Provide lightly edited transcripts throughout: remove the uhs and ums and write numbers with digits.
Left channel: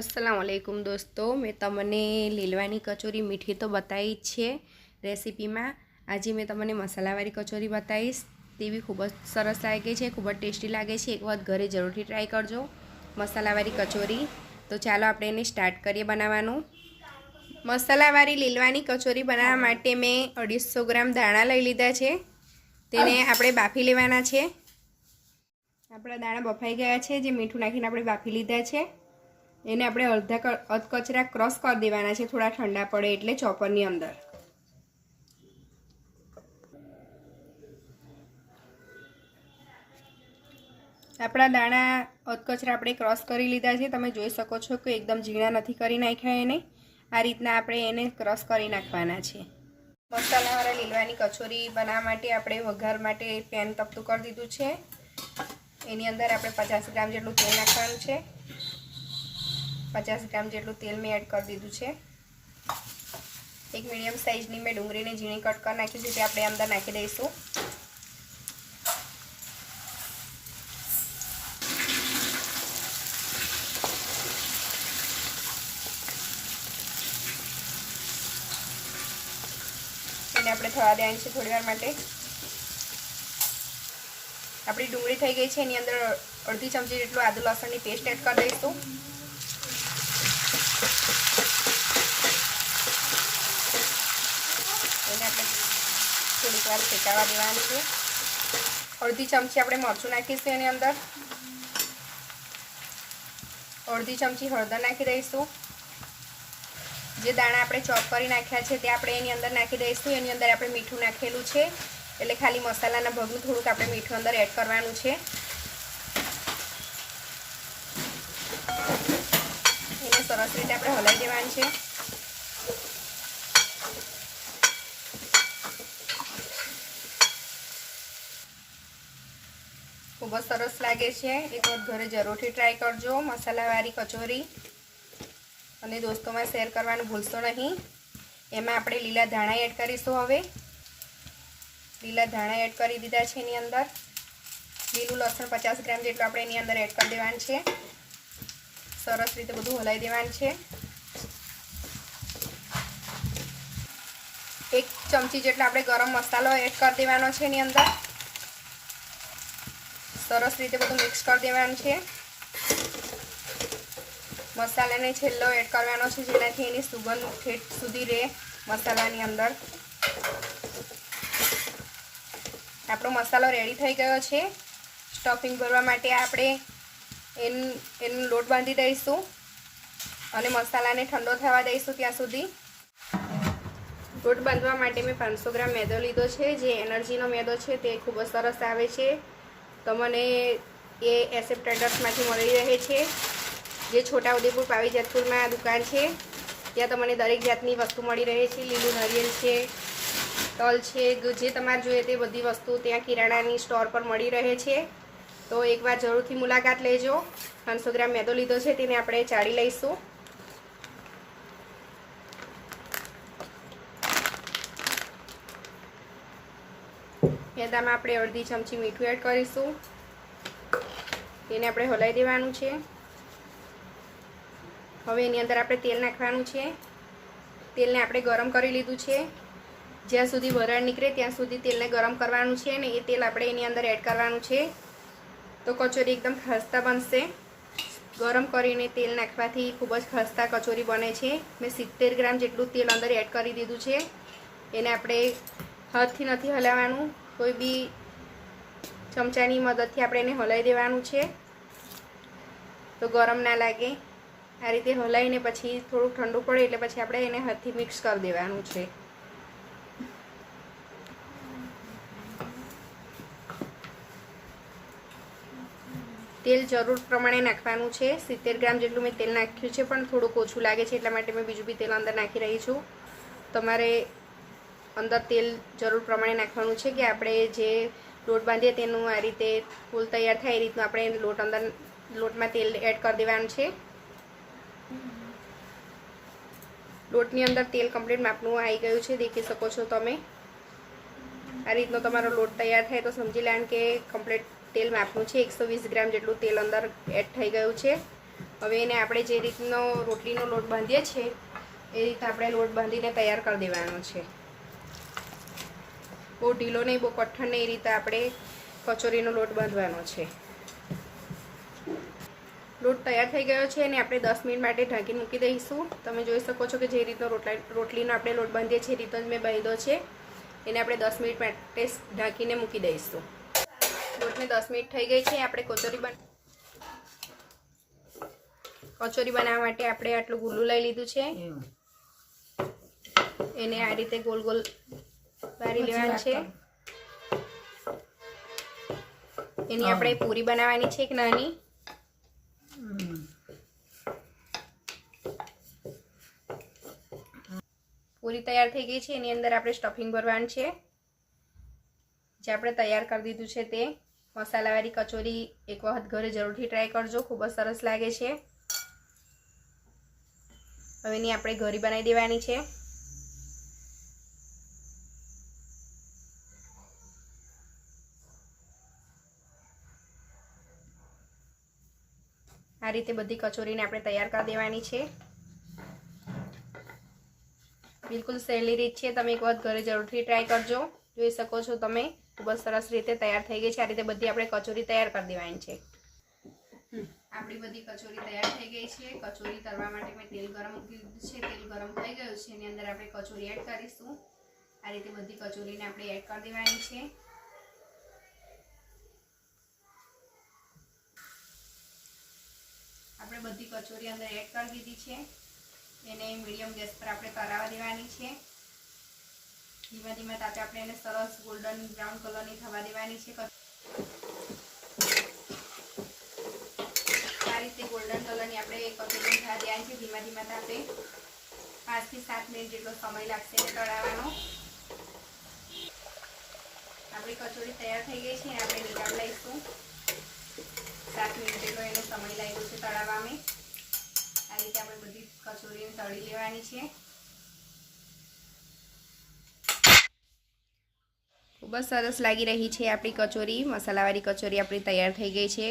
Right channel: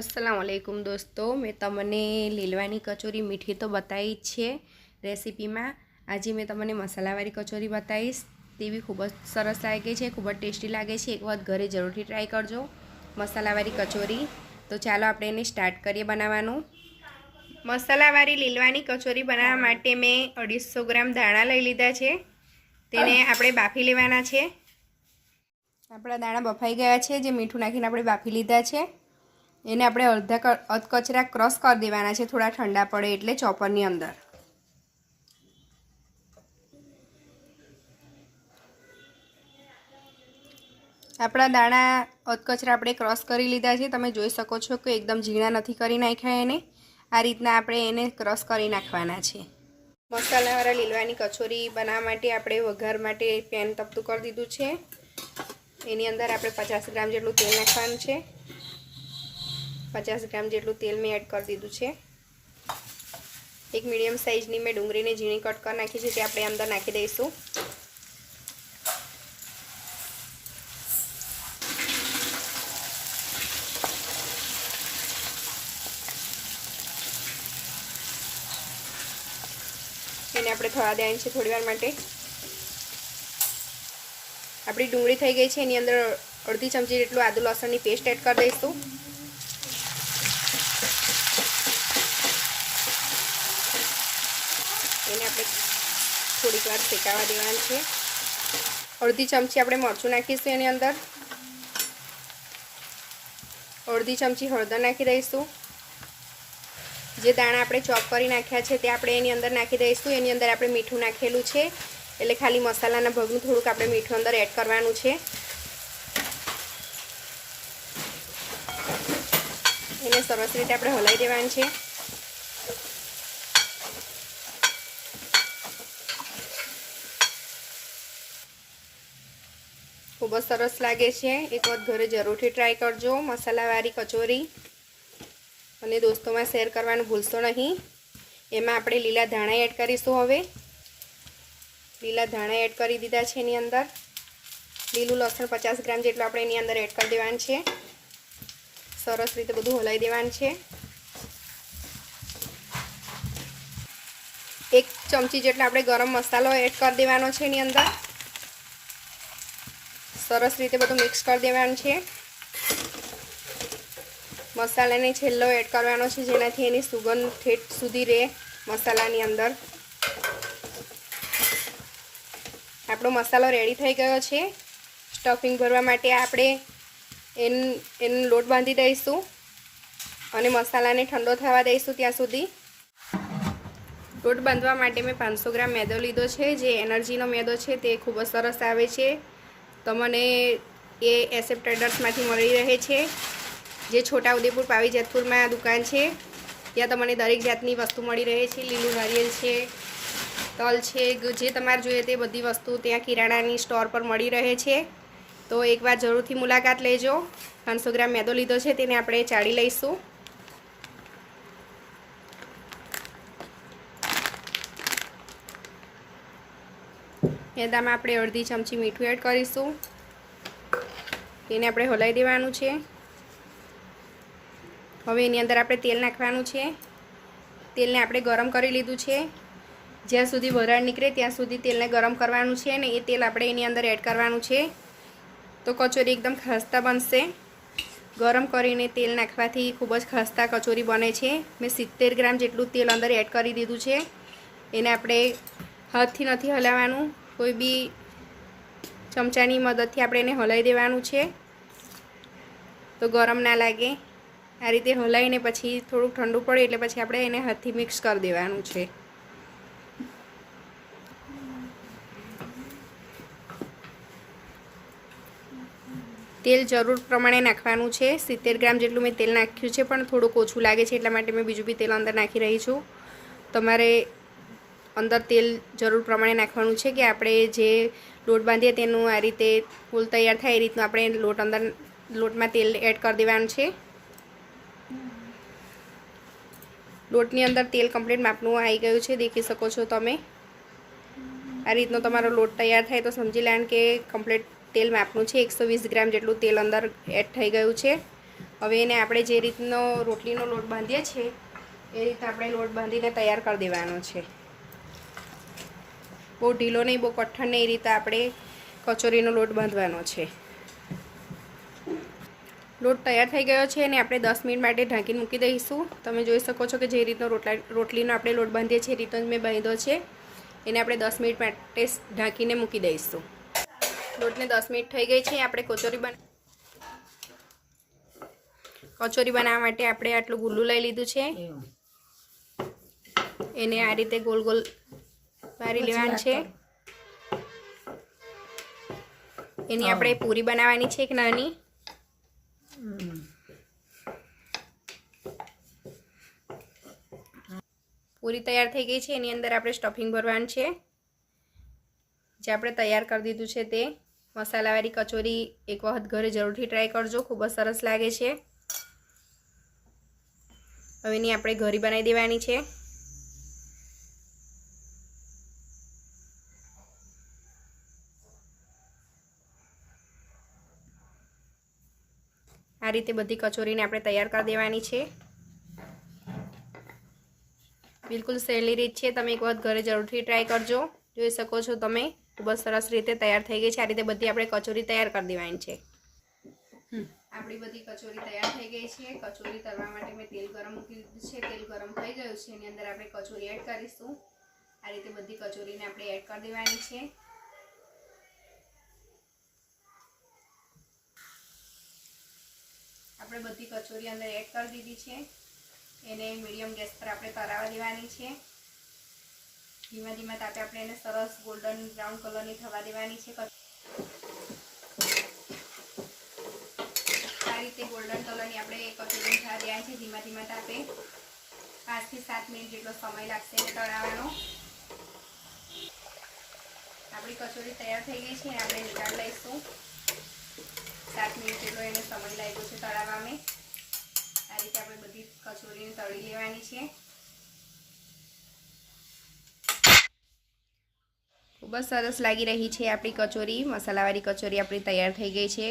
अस्सलामुअलैकुम दोस्तों, मैं तमने લીલવાની કચોરી મીઠી તો बताई છે રેસીપીમાં। આજે मैं तमने મસાલાવાળી કચોરી बताईश। તેવી ખૂબ જ સરસ લાગે છે, ખૂબ જ ટેસ્ટી લાગે છે। એક વખત ઘરે જરૂરથી ટ્રાય કરજો મસાલાવાળી કચોરી। તો ચાલો આપણે એને સ્ટાર્ટ કરીએ બનાવવાનું। મસાલાવાળી લીલવાની કચોરી બનાવવા માટે મેં 250 ગ્રામ દાણા લઈ લીધા છે। તેને આપણે બાફી લેવાના છે। આપણા દાણા બફાઈ ગયા છે, જે મીઠું નાખીને આપણે બાફી લીધા છે। એને આપણે અધકચરા ક્રશ કરી દેવાના છે, થોડા ઠંડા પડે એટલે ચોપરની અંદર। આપણા દાણા અધકચરા આપણે ક્રશ કરી લીધા છે। તમે જોઈ શકો છો કે એકદમ ઝીણા નથી કરી નાખ્યા એને। આ રીતના આપણે એને ક્રશ કરી નાખવાના છે। મસાલાવાળા લીલવાની કચોરી બનાવવા માટે આપણે વઘાર માટે પેન તપતું કરી દીધું છે। એની અંદર આપણે 50 ગ્રામ જેટલું તેલ નાખવાનું છે। 50 ગ્રામ જેટલું તેલ મેં એડ કરી દીધું છે। એક મીડિયમ સાઇઝની મેં ડુંગળીને ઝીણી કટ કરી નાખી છે, તે આપણે અંદર નાખી દઈશું। એને આપણે થવા દેવાની છે થોડી વાર માટે। આપણી ડુંગળી થઈ ગઈ છે, એની અંદર અડધી ચમચી જેટલું આદુ લસણની પેસ્ટ એડ કરી દઈશું। એને આપણે થોડીક વાર શેકાવા દેવાની છે। અડધી ચમચી આપણે મરચું નાખીશું એની અંદર। અડધી ચમચી હળદર નાખી દઈશું। જે દાણા આપણે ચોપ કરી નાખ્યા છે તે આપણે એની અંદર નાખી દઈશું। એની અંદર આપણે મીઠું નાખેલું છે, એટલે ખાલી મસાલાના ભાગનું થોડુંક આપણે મીઠું અંદર એડ કરવાનું છે। એને સરસ રીતે આપણે હલાવી દેવાનું છે। ખૂબ જ સરસ લાગે છે, એક વખત ઘરે જરૂરથી ટ્રાય કરજો મસાલાવાળી કચોરી। અને દોસ્તોમાં શેર કરવાનું ભૂલશો નહીં। એમાં આપણે લીલા ધાણા એડ કરીશું। હવે લીલા ધાણા એડ કરી દીધા છે એની અંદર। લીલું લસણ 50 ગ્રામ જેટલું આપણે એની અંદર એડ કરી દેવાનું છે। સરસ રીતે બધું હલાવી દેવાનું છે। 1 ચમચી જેટલો આપણે ગરમ મસાલો એડ કરી દેવાનો છે એની અંદર। સરસ રીતે બધું મિક્સ કરી દેવાનું છે। મસાલાને છેલ્લો એડ કરવાનો છે, જેનાથી એની સુગંધ ઠેઠ સુધી રહે મસાલાની અંદર। આપણો મસાલો રેડી થઈ ગયો છે। સ્ટફિંગ ભરવા માટે આપણે એનો લોટ બાંધી દઈશું અને મસાલાને ઠંડો થવા દઈશું ત્યાં સુધી। લોટ બાંધવા માટે મેં 500 ગ્રામ મેદો લીધો છે, જે એનર્જીનો મેદો છે, તે ખૂબ જ સરસ આવે છે। તમને એ એસએફ ટ્રેડર્સમાંથી મળી રહે છે, જે છોટાઉદેપુર પાવીજતપુરમાં દુકાન છે। ત્યાં તમને દરેક જાતની વસ્તુ મળી રહે છે। લીલું નારિયેળ છે, તલ છે, જે તમારે જોઈએ તે બધી વસ્તુ ત્યાં કિરાણાની સ્ટોર પર મળી રહે છે। તો એકવાર જરૂરથી મુલાકાત લેજો। 500 ગ્રામ મેદો લીધો છે, તેને આપણે ચાળી લઈશું। મેદામાં આપણે અડધી ચમચી મીઠું એડ કરીશું। તેને આપણે હલાવી દેવાનું છે। હવે એની અંદર આપણે તેલ નાખવાનું છે। તેલને આપણે ગરમ કરી લીધું છે। જ્યાં સુધી વરાળ નીકળે ત્યાં સુધી તેલને ગરમ કરવાનું છે અને એ તેલ આપણે એની અંદર એડ કરવાનું છે। તો કચોરી એકદમ ખસ્તા બનશે। ગરમ કરીને તેલ નાખવાથી ખૂબ જ ખસ્તા કચોરી બને છે। મેં 70 ગ્રામ જેટલું તેલ અંદર એડ કરી દીધું છે। એને આપણે હાથથી નથી હલાવવાનું, કોઈ બી ચમચાની મદદથી આપણે એને હલાવી દેવાનું છે, તો ગરમ ના લાગે। આ રીતે હલાવીને પછી થોડુંક ઠંડુ પડે એટલે પછી આપણે એને હાથથી મિક્સ કરી દેવાનું છે। તેલ જરૂર પ્રમાણે નાખવાનું છે। 70 ગ્રામ જેટલું મેં તેલ નાખ્યું છે, પણ થોડુંક ઓછું લાગે છે એટલા માટે મેં બીજું બી તેલ અંદર નાખી રહી છું। તમારે અંદર તેલ જરૂર પ્રમાણે નાખવાનું છે કે આપણે જે લોટ બાંધીએ તેનું આ રીતે ફૂલ તૈયાર થાય એ રીતનું આપણે લોટમાં તેલ એડ કરી દેવાનું છે। લોટની અંદર તેલ કમ્પ્લીટ માપનું આવી ગયું છે, દેખી શકો છો તમે। આ રીતનો તમારો લોટ તૈયાર થાય તો સમજી લેવાનું કે કમ્પ્લીટ તેલ માપનું છે। 120 ગ્રામ જેટલું તેલ અંદર એડ થઈ ગયું છે। હવે એને આપણે જે રીતનો રોટલીનો લોટ બાંધીએ છીએ એ રીતે આપણે લોટ બાંધીને તૈયાર કરી દેવાનો છે. બહુ ઢીલો નહીં, બહુ કઠણ નહીં, એ રીતે આપણે કચોરીનો લોટ બાંધવાનો છે. લોટ તૈયાર થઈ ગયો છે અને આપણે 10 મિનિટ માટે ઢાંકીને મૂકી દઈશું. તમે જોઈ શકો છો કે જે રીતનો રોટલીનો આપણે લોટ બાંધીએ છીએ એ રીતનો જ મેં બાંધ્યો છે. એને આપણે 10 મિનિટ માટે ઢાંકીને મૂકી દઈશું. લોટને 10 મિનિટ થઈ ગઈ છે. આપણે કચોરી બનાવવા માટે આપણે આટલું ગુલ્લું લઈ લીધું છે. એને આ રીતે ગોલ ગોલ વારી લેવાનું છે. એની આપણે પૂરી બનાવવાની છે એક નાની. પૂરી તૈયાર થઈ ગઈ છે. એની અંદર આપણે સ્ટફિંગ ભરવાનું છે જે આપણે તૈયાર કરી દીધું છે તે. મસાલાવાળી કચોરી એક વખત ઘરે જરૂરથી ટ્રાય કરજો, ખૂબ જ સરસ લાગે છે. હવે એની આપણે ઘરી બનાવી દેવાની છે. આ રીતે બધી કચોરીને આપણે તૈયાર કરી દેવાની છે. બિલકુલ સહેલી રીત છે, તમે એક વખત ઘરે જરૂરથી ટ્રાય કરજો. જોઈ શકો છો તમે, ખૂબ જ સરસ રીતે તૈયાર થઈ ગઈ છે. આ રીતે બધી આપણે કચોરી તૈયાર કરી દેવાની છે. આપણી બધી કચોરી તૈયાર થઈ ગઈ છે. કચોરી તળવા માટે મેં તેલ ગરમ મૂકી દીધું છે. તેલ ગરમ થઈ ગયું છે. એની અંદર આપણે કચોરી એડ કરીશું. આ રીતે બધી કચોરીને આપણે એડ કરી દેવાની છે. આપણે બધી કચોરી અંદર એડ કરી દીધી છે. એને મીડિયમ ગેસ પર આપણે તળાવવા દેવાની છે. ધીમા ધીમા તાપે આપણે એને સરસ ગોલ્ડન બ્રાઉન કલરની થવા દેવાની છે. આ રીતે ગોલ્ડન કલરની આપણે કચોરી થવા દેવાની છે. ધીમા ધીમા તાપે 5 થી 7 મિનિટ જેટલો સમય લાગશે તળાવવાનો. આપણી કચોરી તૈયાર થઈ ગઈ છે. આપણે નીકાળી લઈશું. 7 મિનિટ જેટલો એનો સમય લાગ્યો છે તળાવવામાં. આ રીતે આપણે બધી કચોરીને તળી લેવાની છે. ખૂબ જ સરસ લાગી રહી છે આપણી કચોરી. મસાલાવાળી કચોરી આપણી તૈયાર થઈ ગઈ છે.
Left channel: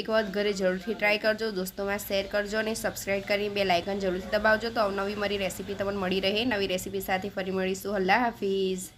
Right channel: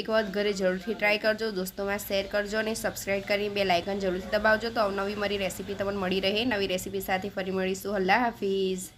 એક વખત ઘરે જરૂરથી ટ્રાય કરજો, દોસ્તોમાં શેર કરજો અને સબસ્ક્રાઈબ કરી બેલ આઇકન જરૂરથી દબાવજો તો અવનવી મારી રેસીપી તમને મળી રહે. નવી રેસીપી સાથે ફરી મળીશું. અલ્લાહ હાફિઝ.